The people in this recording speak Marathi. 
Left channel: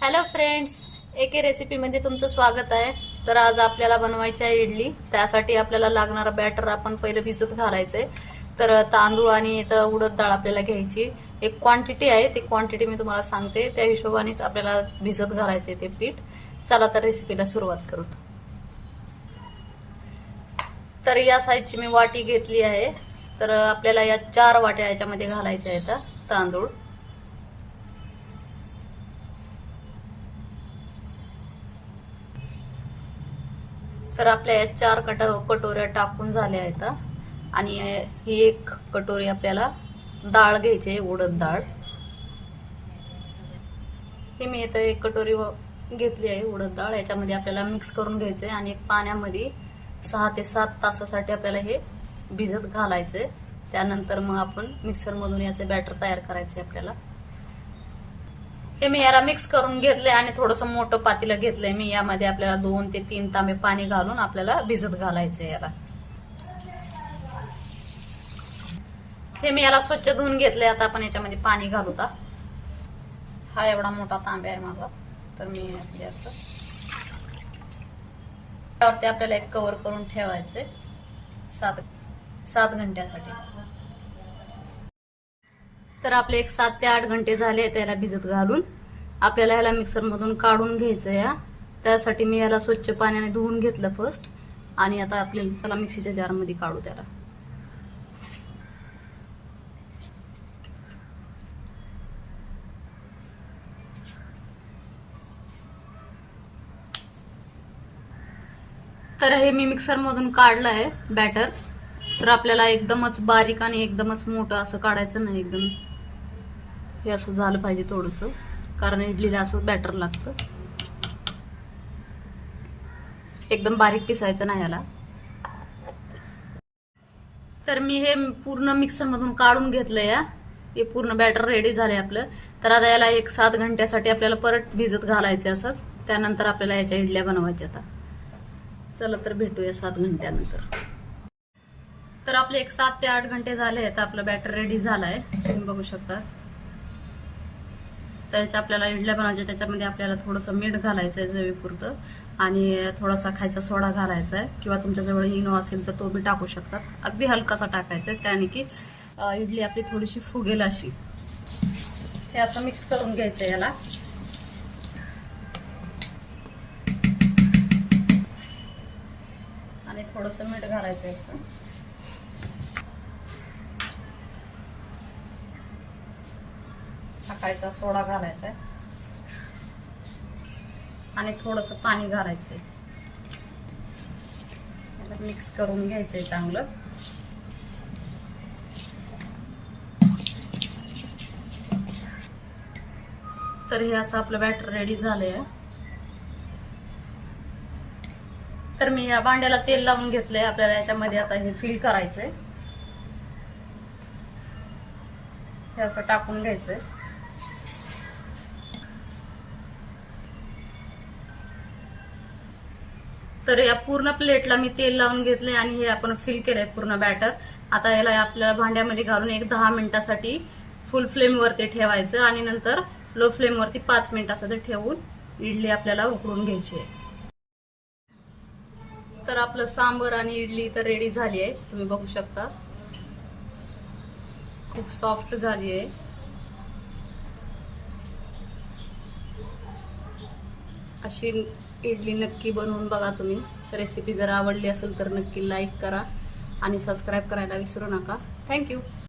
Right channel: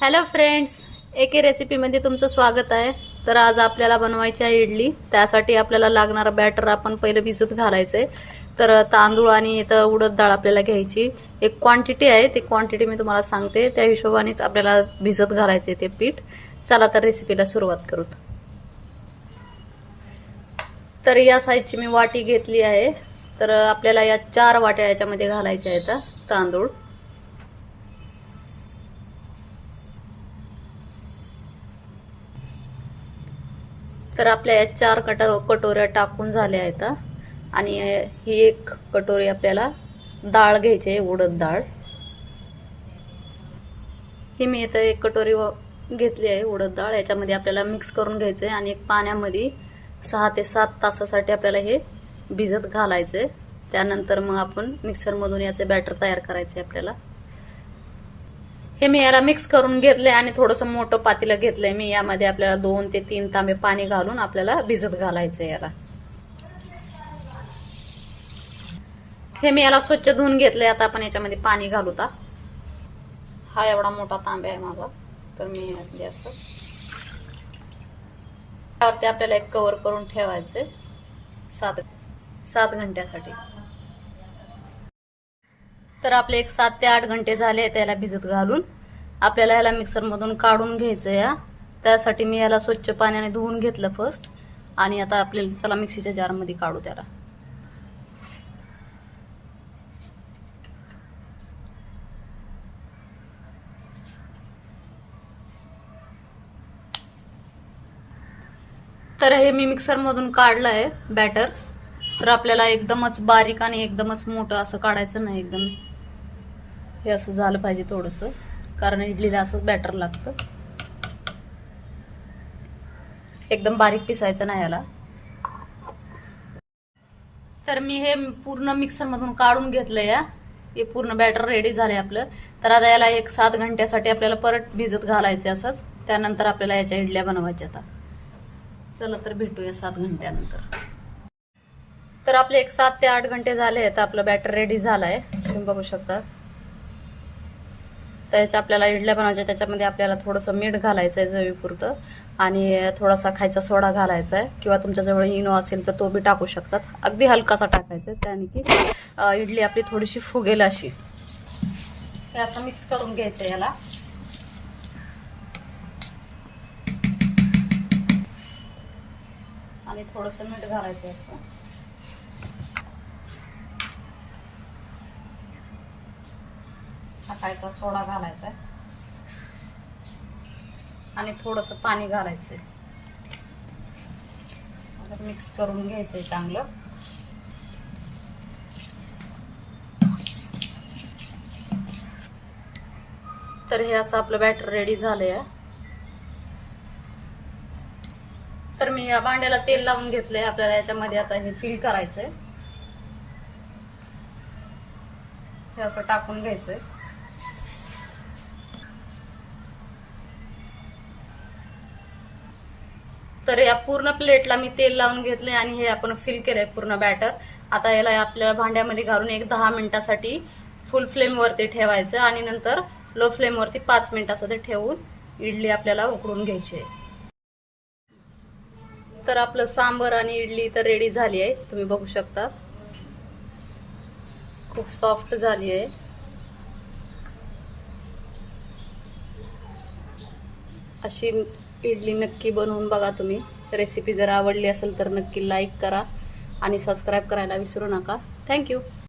हॅलो फ्रेंड्स एके रेसिपीमध्ये तुमचं स्वागत आहे. तर आज आपल्याला बनवायची आहे इडली. त्यासाठी आपल्याला लागणारा बॅटर आपण पहिलं भिजत घालायचं. आहे तर तांदूळ आणि इथं उडद डाळ आपल्याला घ्यायची. एक क्वांटिटी आहे. ती क्वांटिटी मी तुम्हाला सांगते. त्या हिशोबानेच आपल्याला भिजत घालायचं आहे ते पीठ. चला तर रेसिपीला सुरुवात करू. तर या साईजची मी वाटी घेतली आहे. तर आपल्याला या चार वाट्या याच्यामध्ये घालायच्या आहेत तांदूळ. तर आपल्या या चार कट कटोऱ्या टाकून झाल्या आहेत. आणि ही एक कटोरी आपल्याला डाळ घ्यायची आहे उडद डाळ. ही मी इथं एक कटोरी व- घेतली आहे उडद डाळ. याच्यामध्ये आपल्याला मिक्स करून घ्यायचं आहे आणि एक पाण्यामध्ये सहा ते सात तासासाठी आपल्याला हे भिजत घालायचं आहे. त्यानंतर मग आपण मिक्सरमधून याचे बॅटर तयार करायचे आहे आपल्याला. हे मी याला मिक्स करून घेतलंय आणि थोडंसं मोठं पातेलं घेतलंय. मी यामध्ये आपल्याला दोन ते तीन तांबे पाणी घालून आपल्याला भिजत घालायचं याला. हे मी याला स्वच्छ धुवून घेतलंय. आता आपण याच्यामध्ये पाणी घालू ता. हा एवढा मोठा तांबे आहे माझा. तर मी आपले असं त्यावरती आपल्याला एक कव्हर करून ठेवायचंय. सात सात घंट्यासाठी. तर आपले एक सात ते आठ घंटे झाले त्याला भिजत घालून. आपल्याला याला मिक्सरमधून काढून घ्यायचं या त्यासाठी मी याला स्वच्छ पाण्याने धुवून घेतलं फर्स्ट आणि आता आपल्याला चला मिक्सीच्या जारमध्ये काढू त्याला. तर हे मी मिक्सरमधून काढलं आहे बॅटर तर आपल्याला एकदमच बारीक आणि एकदमच मोठं असं काढायचं नाही एकदम. हे असं झालं पाहिजे थोडंसं. कारण इडलीला असंच बॅटर लागतं. एकदम बारीक पिसायचं नाही याला. तर मी हे पूर्ण मिक्सरमधून काढून घेतलं या हे पूर्ण बॅटर रेडी झाले आपलं. तर आता याला एक सात घंट्यासाठी आपल्याला परत भिजत घालायचे असंच. त्यानंतर आपल्याला याच्या इडल्या बनवायच्या आता. चला तर भेटूया सात घंट्यानंतर. तर आपले एक सात ते आठ घंटे झाले आहेत. आपलं बॅटर रेडी झालं आहे तुम्ही बघू शकता. त्याच्या आपल्याला इडल्या बनवायच्या त्याच्यामध्ये आपल्याला थोडंसं मीठ घालायचं आहे जवीपुरतं आणि थोडासा खायचा सोडा घालायचा आहे किंवा तुमच्याजवळ इनो असेल तर तो बी टाकू शकतात. अगदी हलकासा टाकायचा आहे त्याने की इडली आपली थोडीशी फुगेल अशी. हे असं मिक्स करून घ्यायचं आहे याला. आणि थोडंसं मीठ घालायचं आहे असं. टाकायचा सोडा घालायचा आणि थोडंसं पाणी घालायचंय. मिक्स करून घ्यायचंय चांगलं. तर हे असं आपलं बॅटर रेडी झालंय. तर मी या भांड्याला तेल लावून घेतलंय. आपल्याला याच्यामध्ये आता हे फिल करायचंय. हे असं टाकून घ्यायचंय. तर या पूर्ण प्लेटला मी तेल लावून घेतलंय आणि हे आपण फिल केलंय पूर्ण बॅटर आता याला आपल्याला भांड्यामध्ये घालून एक दहा मिनिटासाठी फुल फ्लेमवरती ठेवायचं आणि नंतर लो फ्लेमवरती पाच मिनिटासाठी ठेवून इडली आपल्याला उकळून घ्यायची आहे. तर आपलं सांबर आणि इडली तर रेडी झाली आहे. तुम्ही बघू शकता. खूप सॉफ्ट झाली आहे. अशी इडली नक्की बनवून बघा तुम्ही. रेसिपी जर आवडली असेल तर नक्की लाईक करा आणि सबस्क्राईब करायला विसरू नका. थँक्यू